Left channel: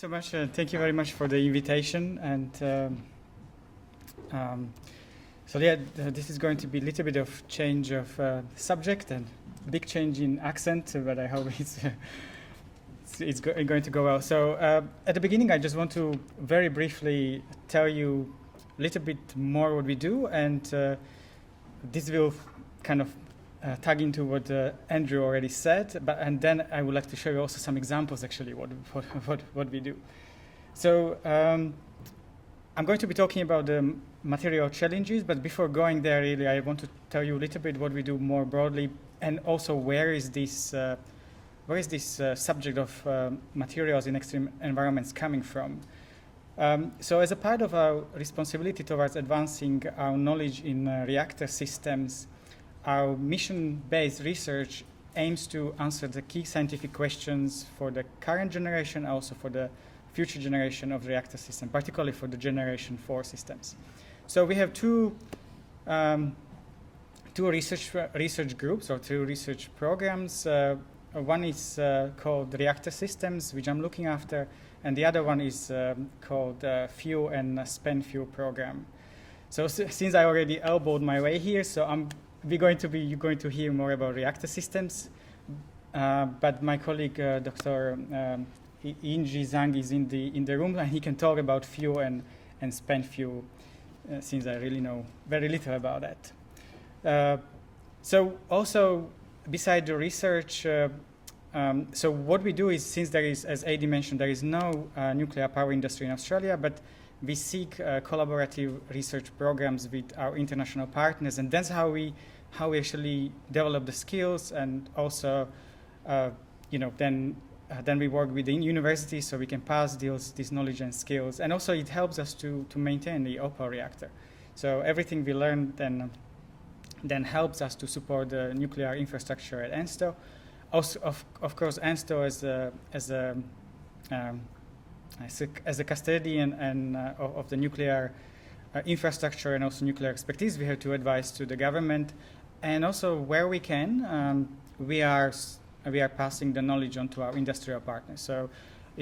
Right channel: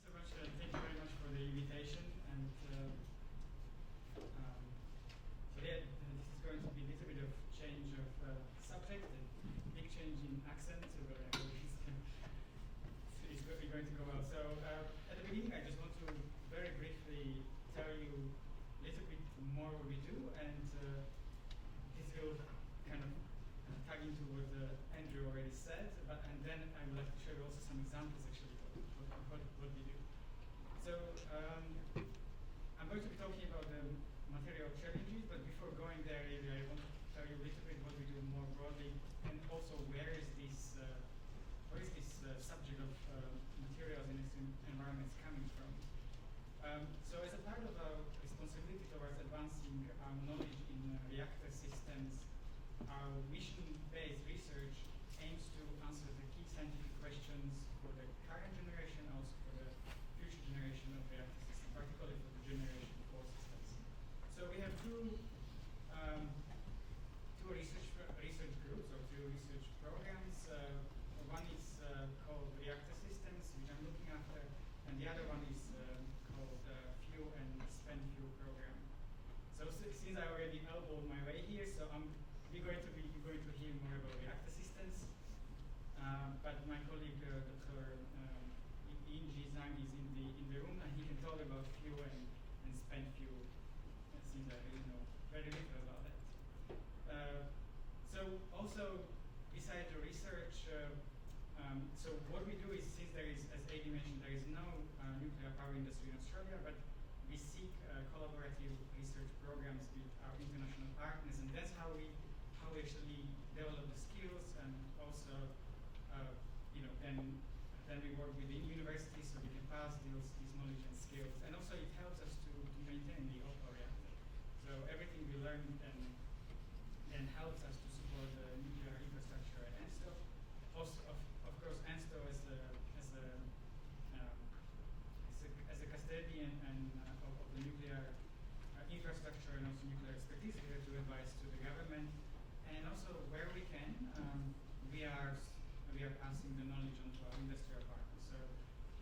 so much. Thank you very much for the invitation. And so yeah, this is going to be a little bit of change of subject and big change in accent, but I hope it's going to go well. So at the beginning, I just want to very briefly tell you a little bit more what we do, and this will kind of tag into what Andrew already said, and then I would like to show you also some examples actually what we do. So I'm going to be talking about the material challenges, but before going there, really, I want to tell you a little bit what we do more broadly, and also where is this subject of materials in extreme environments coming from. So as a part of our responsibility towards advancing our knowledge in reactor systems, our mission-based research aims to answer the key scientific questions for the current generation, also for the future generation of reactor system, particularly for the generation 4 systems. So we have two research groups or two research programs. One is called Reactor Systems, which I'm looking after, and the other one is called Fuel and Spent Fuel Program. So since I already elbowed my way here, so you're going to hear more about reactor systems, but my colleague Dr. Ondrej Zhang is in the room, and he can talk about fuel and spent fuel, since I really know very little about that. So also, beside the research, so what we do is, since there is, as Adi mentioned, there is no nuclear power industry in Australia, but we seek collaborative research programs with our international partners, and that's how we actually develop the skills, and also, then we work within universities so we can pass this knowledge and skills, and also it helps us to maintain the OPAL reactor. So everything we learn then helps us to support the nuclear infrastructure at ANSTO. Also, of course, ANSTO as a custodian and of the nuclear infrastructure and also nuclear expertise, we have to advise to the government, and also where we can, we are passing the knowledge on to our industrial partners. So,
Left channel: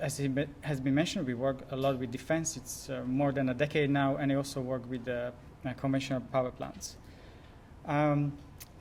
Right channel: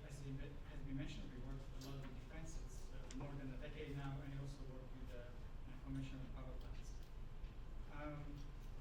as it has been mentioned, we work a lot with defense. It's more than a decade now, and I also work with the conventional power plants.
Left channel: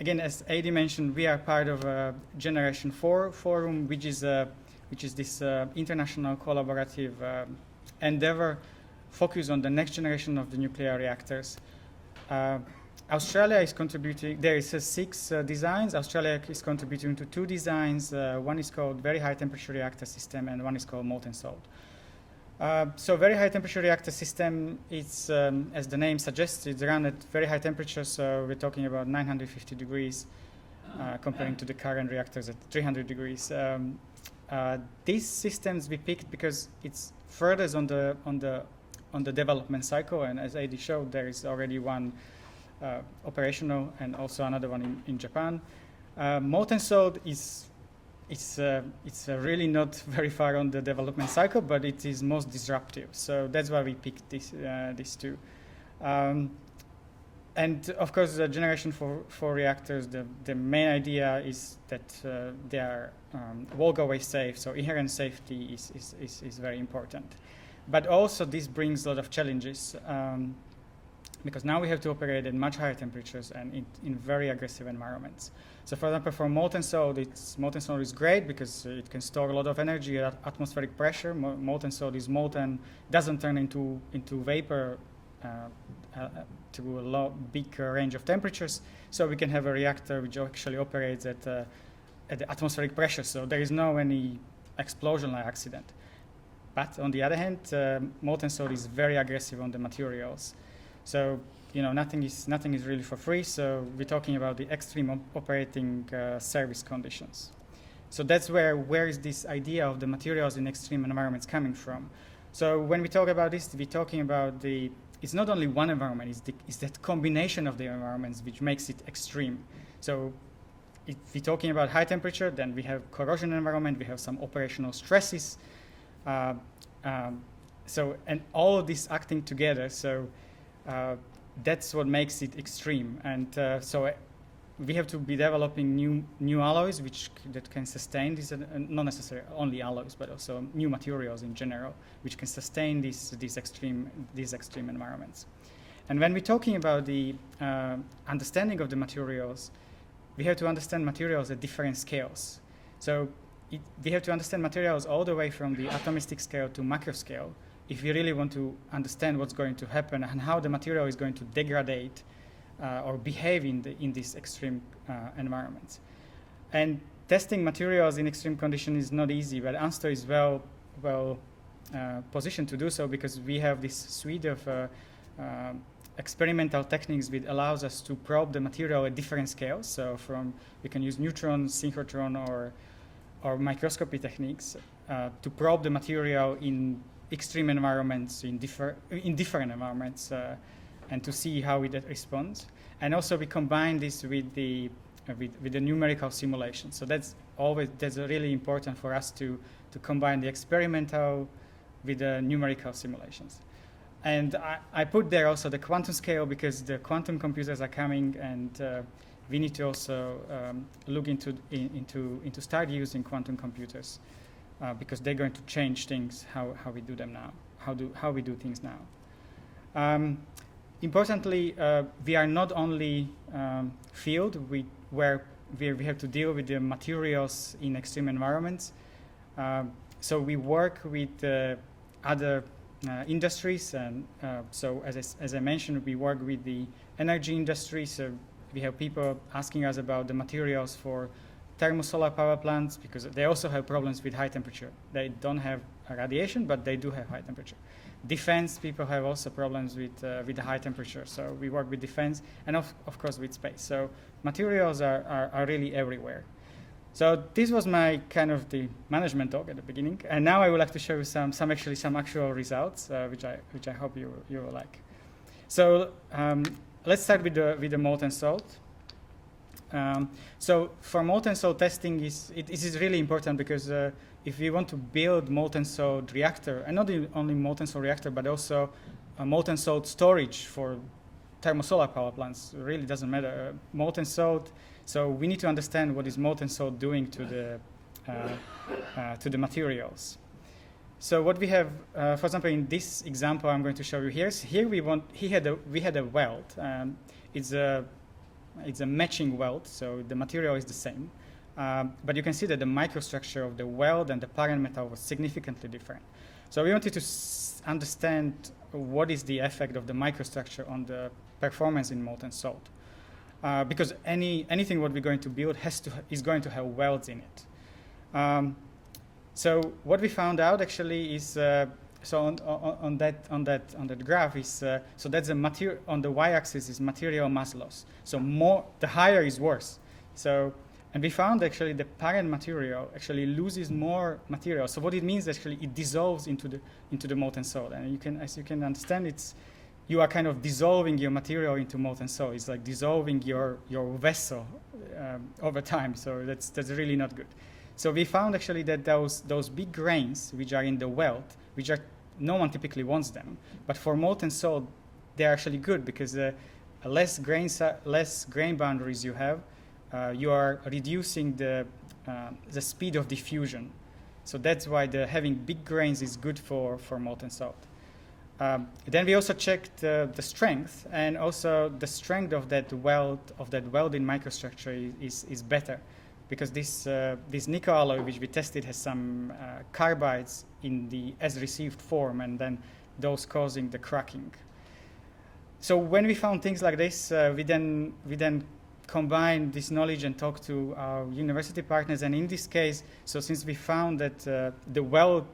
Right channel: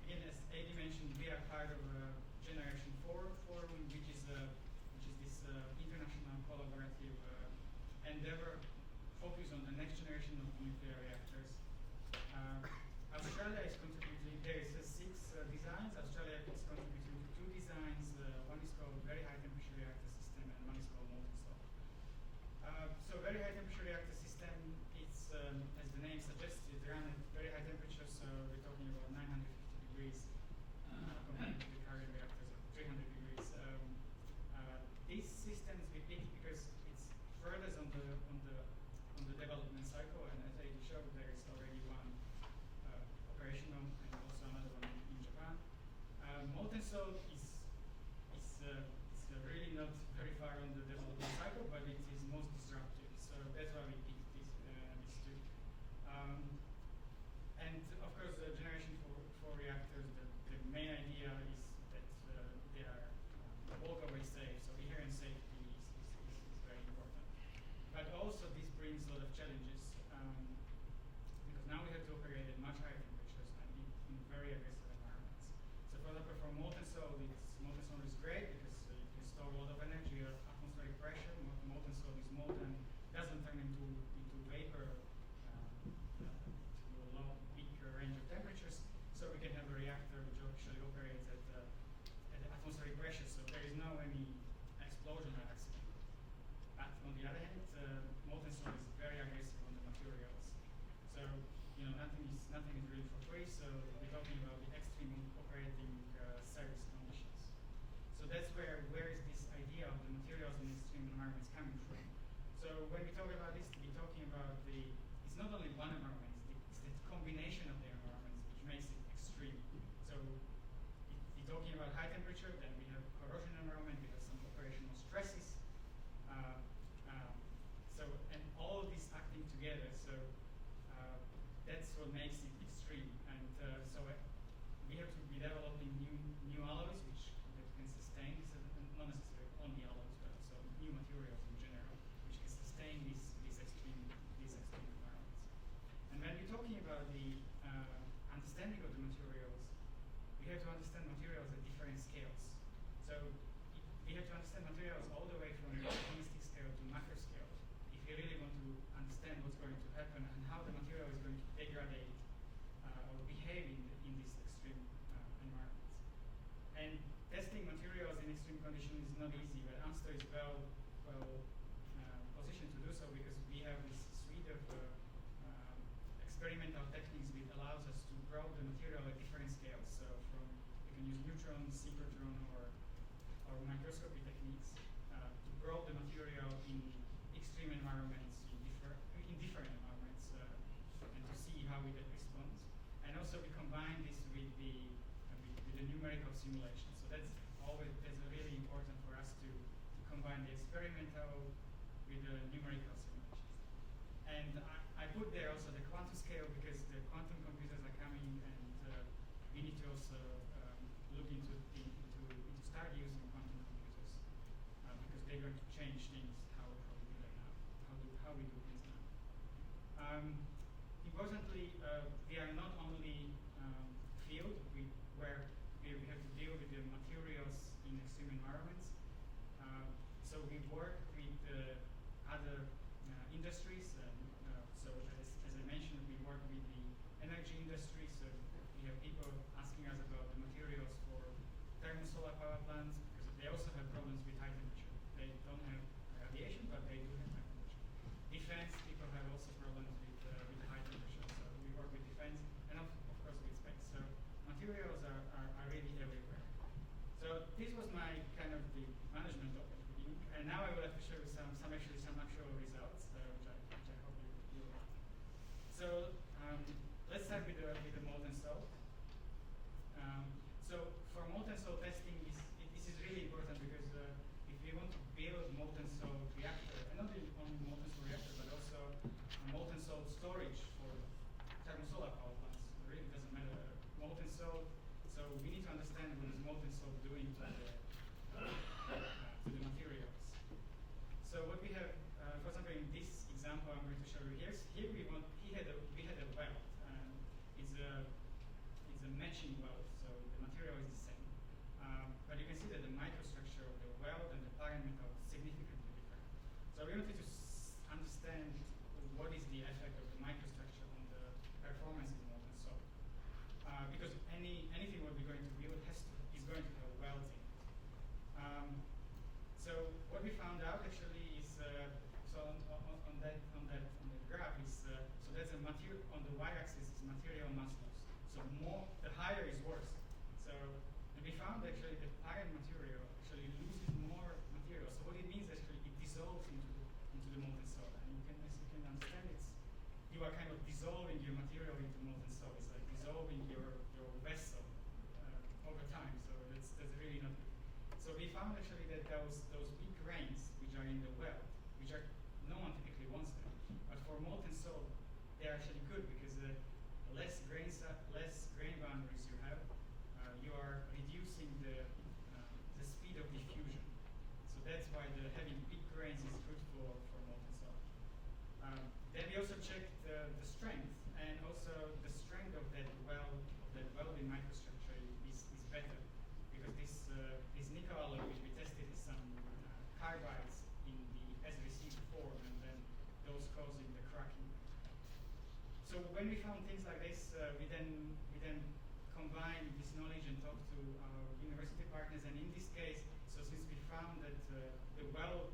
Again, as Adi mentioned, we are part of a Generation 4 forum, which is this international collaborative endeavor focused on the next generation of the nuclear reactors. Australia is contributing. There is 6 designs. Australia is contributing to 2 designs. One is called Very High Temperature Reactor System, and one is called Molten Salt. So Very High Temperature Reactor System, it's, as the name suggests, it's run at very high temperatures, so we're talking about 950 degrees, comparing to the current reactors at 300 degrees. These systems we picked because it's furthest on the development cycle, and as Adi showed, there is already one operational and also another one in Japan. Molten Salt it's really not very far on the development cycle, but it is most disruptive. So that's why we picked these two. And of course, the Generation 4 reactors, the main idea is that they are walk-away safe. So inherent safety is very important. But also this brings a lot of challenges, because now we have to operate at much higher temperatures and in very aggressive environments. So for example, for molten salt is great because it can store a lot of energy at atmospheric pressure. Molten salt is molten, doesn't turn into vapor to a big range of temperatures. So we can have a reactor which actually operates at the atmospheric pressure. So there is no any explosion like accident. But on the other hand, molten salt is very aggressive on the materials. So nothing is really for free. So we're talking about the extreme operating service conditions. So that's where is this idea of the materials in extreme environments coming from? So when we talk about this, we're talking about it's not only one environment, it's that combination of the environments which makes it extreme. So if we're talking about high temperature, then we have corrosion environment, we have some operational stresses. And all of this acting together, so that's what makes it extreme. And so we have to be developing new alloys that can sustain this, not necessarily only alloys, but also new materials in general, which can sustain these extreme environments. And when we're talking about the understanding of the materials, we have to understand materials at different scales. So we have to understand materials all the way from the atomistic scale to macro scale if we really want to understand what's going to happen and how the material is going to degrade or behave in these extreme environments. And testing materials in extreme conditions is not easy, but ANSTO is well positioned to do so because we have this suite of experimental techniques which allows us to probe the material at different scales. So we can use neutron, synchrotron, or microscopy techniques to probe the material in extreme environments, in different environments, and to see how it responds. And also we combine this with the numerical simulation. So that's really important for us to combine the experimental with the numerical simulations. And I put there also the quantum scale because the quantum computers are coming, and we need to also look into start using quantum computers because they're going to change things how we do them now, how we do things now. Importantly, we are not only field where we have to deal with the materials in extreme environments. So we work with other industries, and so as I mentioned, we work with the energy industry. So we have people asking us about the materials for thermosolar power plants because they also have problems with high temperature. They don't have radiation, but they do have high temperature. Defense people have also problems with the high temperature. So we work with defense and of course with space. So materials are really everywhere. So this was my kind of the management talk at the beginning, and now I would like to show you some actual results, which I hope you will like. So let's start with the molten salt. So for molten salt testing, it is really important because if we want to build molten salt reactor, and not only molten salt reactor, but also a molten salt storage for thermosolar power plants, it really doesn't matter. Molten salt. So we need to understand what is molten salt doing to the materials. So what we have, for example, in this example I'm going to show you here. So here we had a weld. It's a matching weld, so the material is the same. But you can see that the microstructure of the weld and the parent metal was significantly different. So we wanted to understand what is the effect of the microstructure on the performance in molten salt. Because anything what we're going to build is going to have welds in it. So what we found out actually is so on that graph is so that's the material on the y-axis is material mass loss. So the higher is worse. So and we found actually the parent material actually loses more material. So what it means actually it dissolves into the molten salt, and as you can understand you are kind of dissolving your material into molten salt. It's like dissolving your vessel over time. So that's really not good. So we found actually that those big grains which are in the weld, no one typically wants them, but for molten salt they're actually good because less grain boundaries you have, you are reducing the speed of diffusion. So that's why having big grains is good for molten salt. Then we also checked the strength, and also the strength of that welding microstructure is better, because this nickel alloy which we tested has some carbides in the as received form, and then those causing the cracking. So when we found things like this, we then combined this knowledge and talked to our university partners, and in this case, so since we found that the weld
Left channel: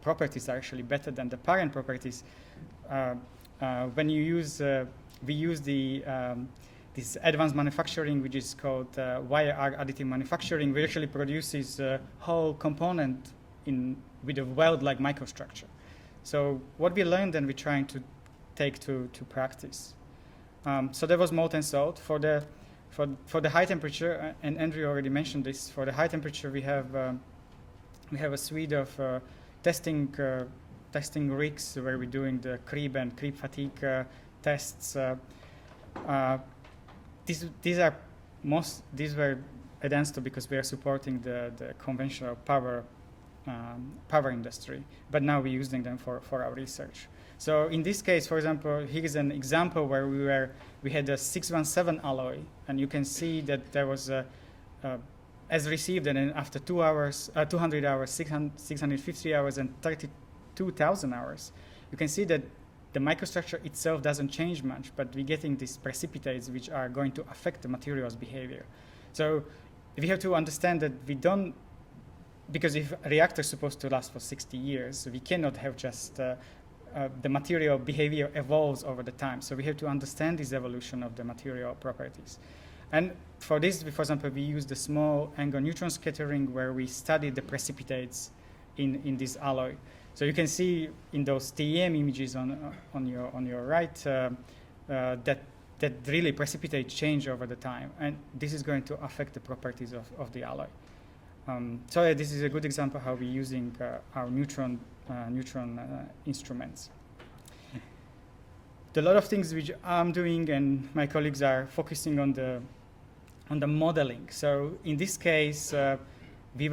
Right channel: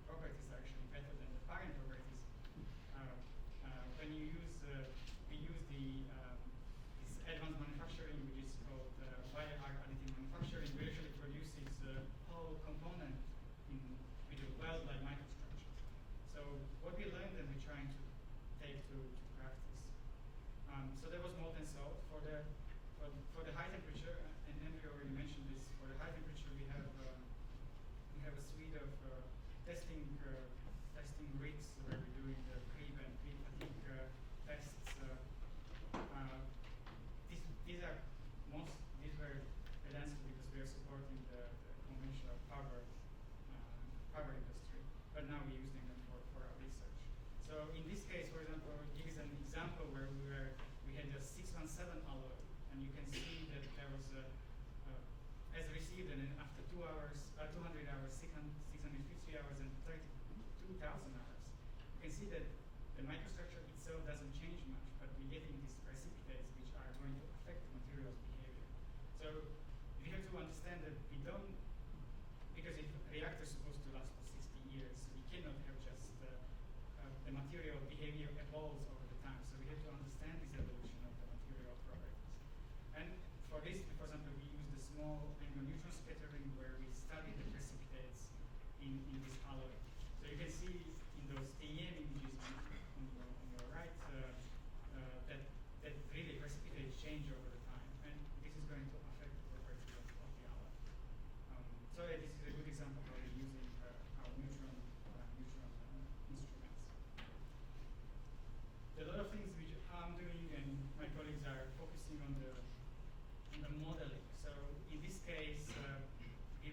properties are actually better than the parent properties, when you use we use this advanced manufacturing, which is called wire arc additive manufacturing, which actually produces a whole component with a weld-like microstructure. So what we learned and we're trying to take to practice. So there was molten salt for the high temperature, and Andrew already mentioned this. For the high temperature, we have a suite of testing rigs where we're doing the creep and creep fatigue tests. these were at ANSTO because we are supporting the conventional power industry, but now we're using them for our research. So in this case, for example, here is an example where we had a 617 alloy, and you can see that there was as received, and then after 2 hours, 200 hours, 650 hours, and 32,000 hours, you can see that the microstructure itself doesn't change much, but we're getting these precipitates which are going to affect the material's behavior. So we have to understand that we don't, because if a reactor is supposed to last for 60 years, we cannot have just the material behavior evolves over the time. So we have to understand this evolution of the material properties. And for this, for example, we use the small angle neutron scattering where we study the precipitates in this alloy. So you can see in those TEM images on your right that really precipitate change over the time, and this is going to affect the properties of the alloy. So yeah, this is a good example how we're using our neutron instruments. A lot of things which I'm doing and my colleagues are focusing on the modeling. So in this case, we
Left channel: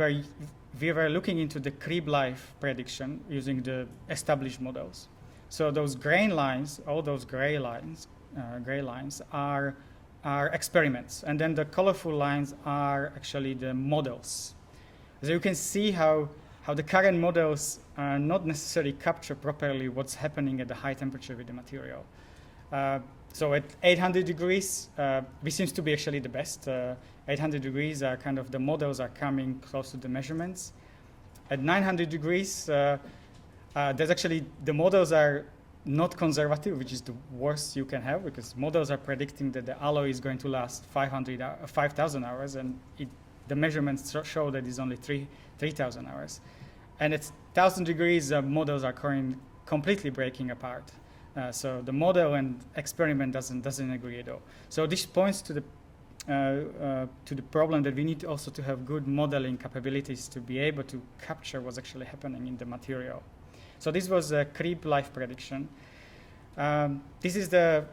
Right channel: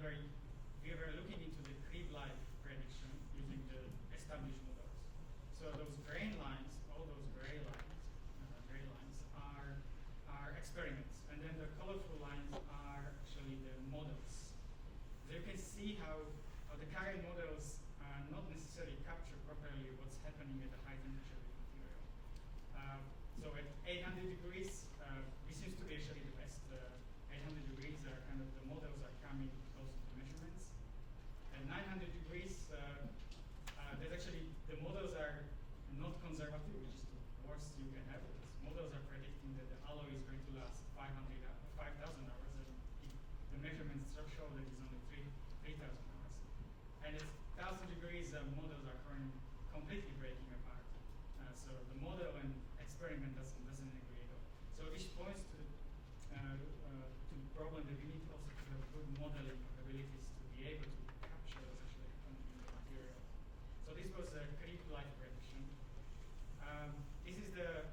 were looking into the creep life prediction using the established models. So those gray lines, all those gray lines are experiments, and then the colorful lines are actually the models. So you can see how the current models not necessarily capture properly what's happening at the high temperature with the material. So at 800 degrees, we seems to be actually the best. 800 degrees are kind of the models are coming close to the measurements. At 900 degrees, there's actually, the models are not conservative, which is the worst you can have, because models are predicting that the alloy is going to last 5,000 hours, and the measurements show that it's only 3,000 hours. And at 1,000 degrees, models are completely breaking apart. So the model and experiment doesn't agree at all. So this points to the problem that we need also to have good modeling capabilities to be able to capture what's actually happening in the material. So this was a creep life prediction. This is the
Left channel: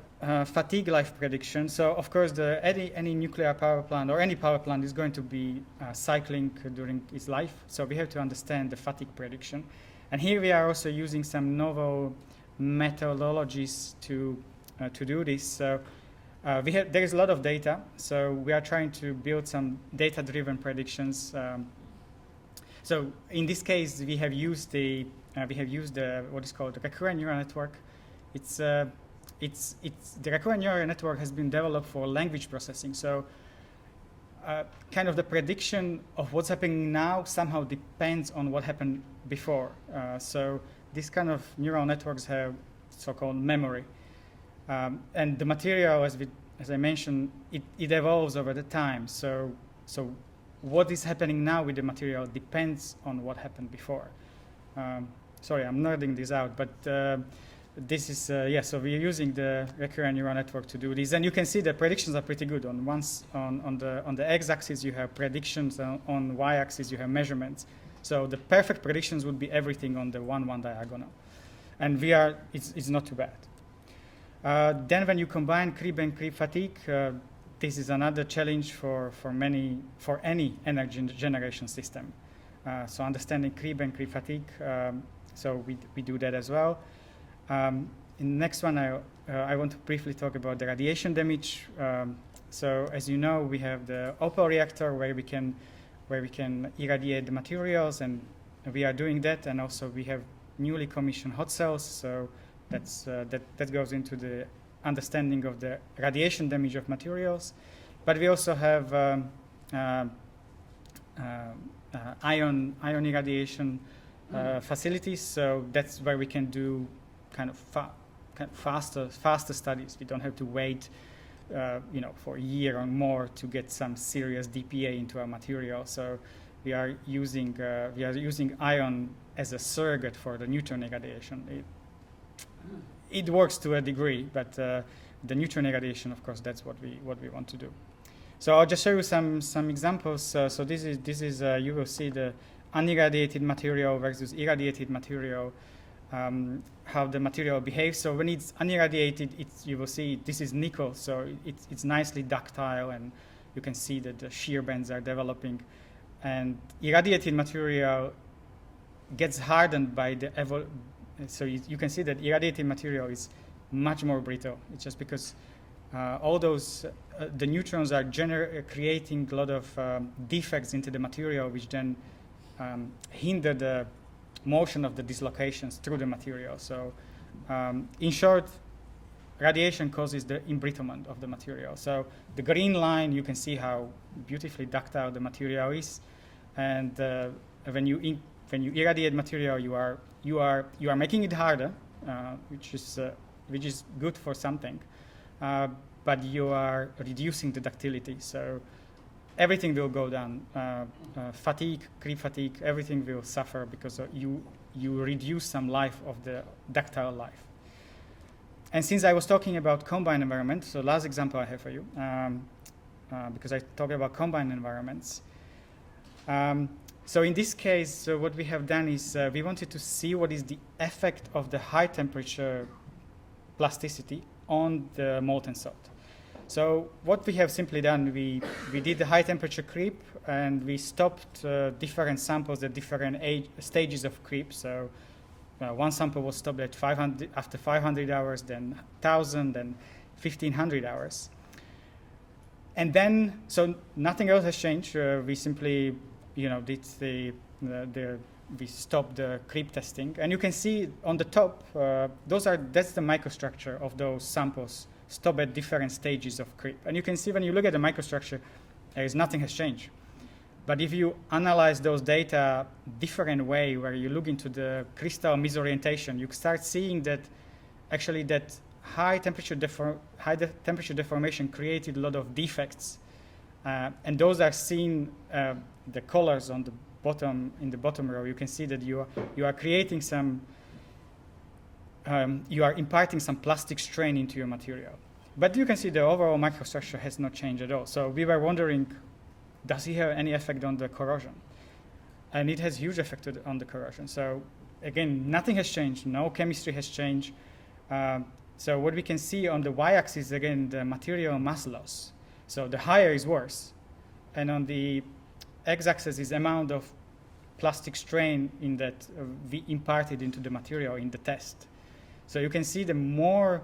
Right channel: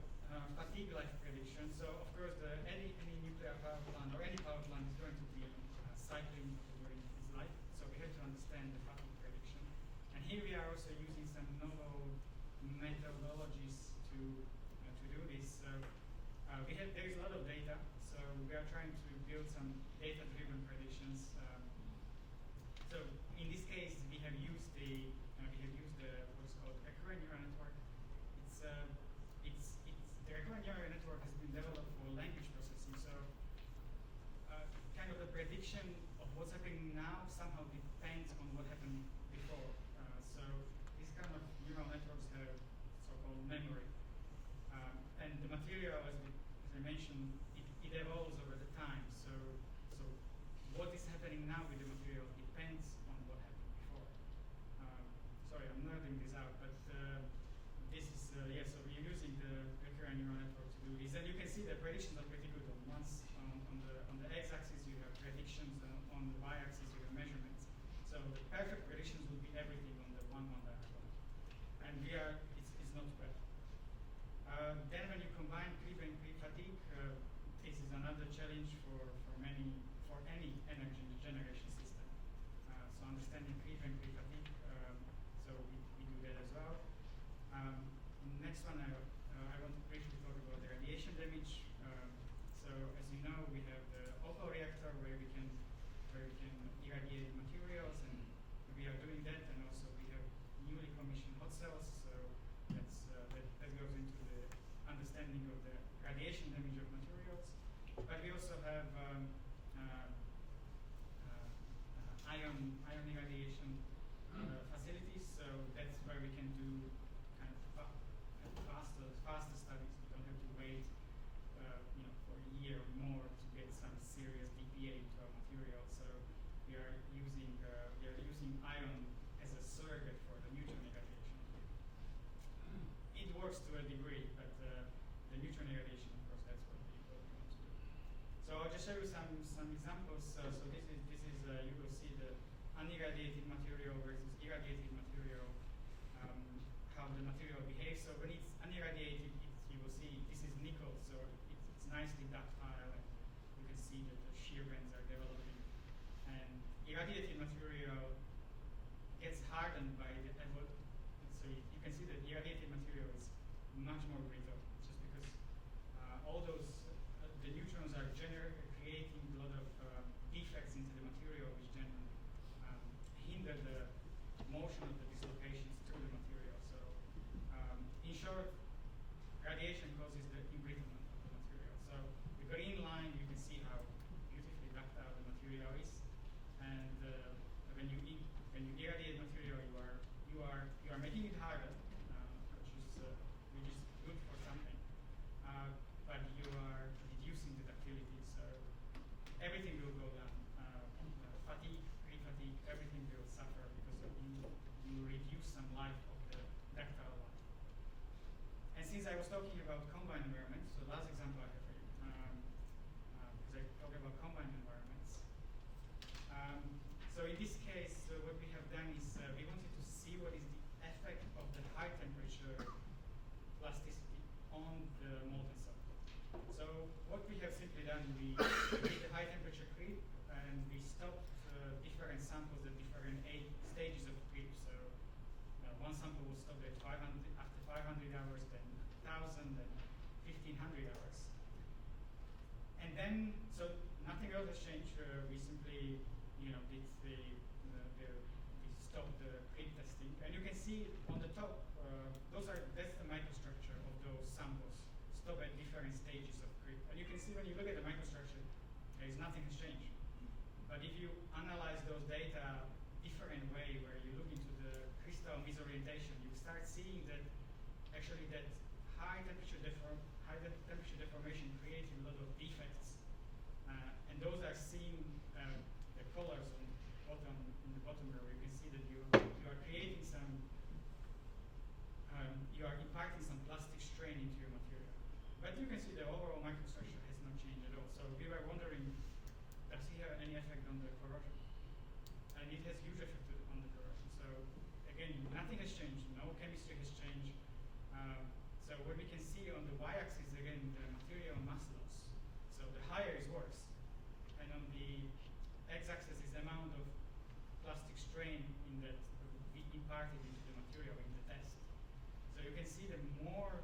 fatigue life prediction. So of course, any nuclear power plant or any power plant is going to be cycling during its life. So we have to understand the fatigue prediction. And here we are also using some novel methodologies to do this. So there is a lot of data. So we are trying to build some data-driven predictions. So in this case, we have used what is called the recurrent neural network. The recurrent neural network has been developed for language processing. So kind of the prediction of what's happening now somehow depends on what happened before. So these kind of neural networks have so-called memory. And the material, as I mentioned, it evolves over the time. So what is happening now with the material depends on what happened before. Sorry, I'm nerding this out, but this is, so we're using the recurrent neural network to do this. And you can see the predictions are pretty good. On the x-axis, you have predictions. On y-axis, you have measurements. So the perfect predictions would be everything on the 1-1 diagonal. And it's not too bad. Then when you combine creep and creep fatigue, this is another challenge for any energy generation system. So understanding creep and creep fatigue, so we do that as well. In the next one, I want to briefly talk about the radiation damage. So as you know, we have the Opal reactor where we can irradiate the materials, and we are doing that. And also we have newly commissioned hot cells, so that goes into the understanding of the radiation damage of materials. But we also have ion irradiation facilities, so that's where we can do kind of faster studies. We don't have to wait for a year or more to get some serious DPA into our material. So we are using ion as a surrogate for the neutron irradiation. It works to a degree, but the neutron irradiation, of course, that's what we want to do. So I'll just show you some examples. So this is you will see the unirradiated material versus irradiated material. how the material behaves. So when it's unirradiated, you will see this is nickel, so it's nicely ductile, and you can see that the shear bands are developing. And irradiated material gets hardened by the so you can see that irradiated material is much more brittle. It's just because all those the neutrons are creating a lot of defects into the material, which then hinder the motion of the dislocations through the material. So in short, radiation causes the embrittlement of the material. So the green line, you can see how beautifully ductile the material is, and when you irradiate material, you are making it harder, which is good for something, but you are reducing the ductility. So everything will go down. Fatigue, creep fatigue, everything will suffer because you reduce some life of the ductile life. And since I was talking about combined environment, so last example I have for you, because I talked about combined environments. So in this case, what we have done is we wanted to see what is the effect of the high temperature plasticity on the molten salt. So what we have simply done, we did the high temperature creep, and we stopped different samples at different stages of creep. So one sample was stopped at 500 after 500 hours, then 1,000, then 1,500 hours. And then, so nothing else has changed. We simply, did we stopped the creep testing, and you can see on the top, that's the microstructure of those samples stopped at different stages of creep. And you can see when you look at the microstructure, nothing has changed. But if you analyze those data different way, where you look into the crystal misorientation, you start seeing that actually that high temperature deformation created a lot of defects, and those are seen. The colors on the bottom, in the bottom row, you can see that you are creating some. You are imparting some plastic strain into your material, but you can see the overall microstructure has not changed at all. So we were wondering, does it have any effect on the corrosion? And it has huge effect on the corrosion. So again, nothing has changed. No chemistry has changed. So what we can see on the y-axis, again, the material mass loss. So the higher is worse. And on the x-axis is amount of plastic strain in that we imparted into the material in the test. So you can see the more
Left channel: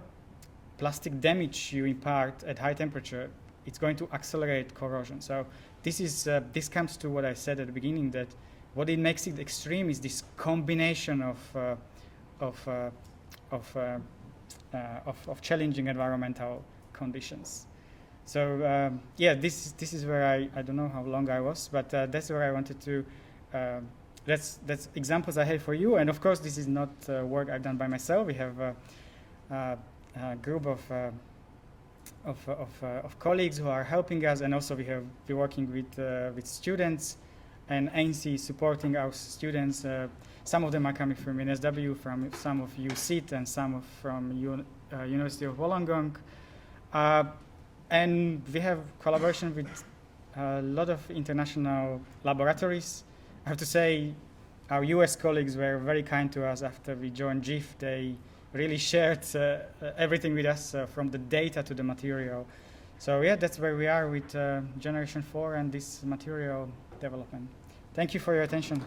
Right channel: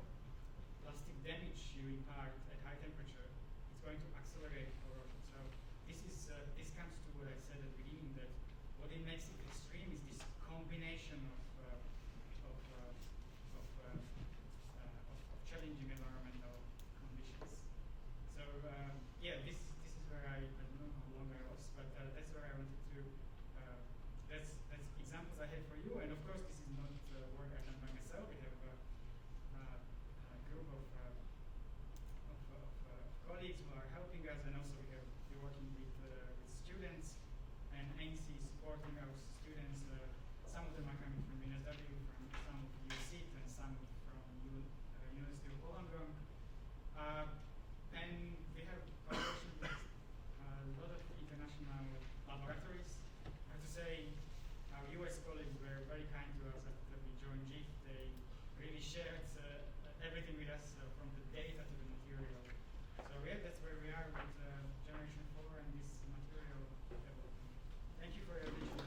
plastic damage you impart at high temperature, it's going to accelerate corrosion. So this comes to what I said at the beginning, that what it makes it extreme is this combination of challenging environmental conditions. So this is where I don't know how long I was, but that's where I wanted to. That's examples I have for you, and of course this is not work I've done by myself. We have a group of colleagues who are helping us, and also we're working with students, and ANSTO supporting our students. Some of them are coming from NSW, from some of UCIT, and some from University of Wollongong. And we have collaboration with a lot of international laboratories. I have to say, our US colleagues were very kind to us after we joined GIF. They really shared everything with us, from the data to the material. So yeah, that's where we are with Generation 4 and this material development. Thank you for your attention.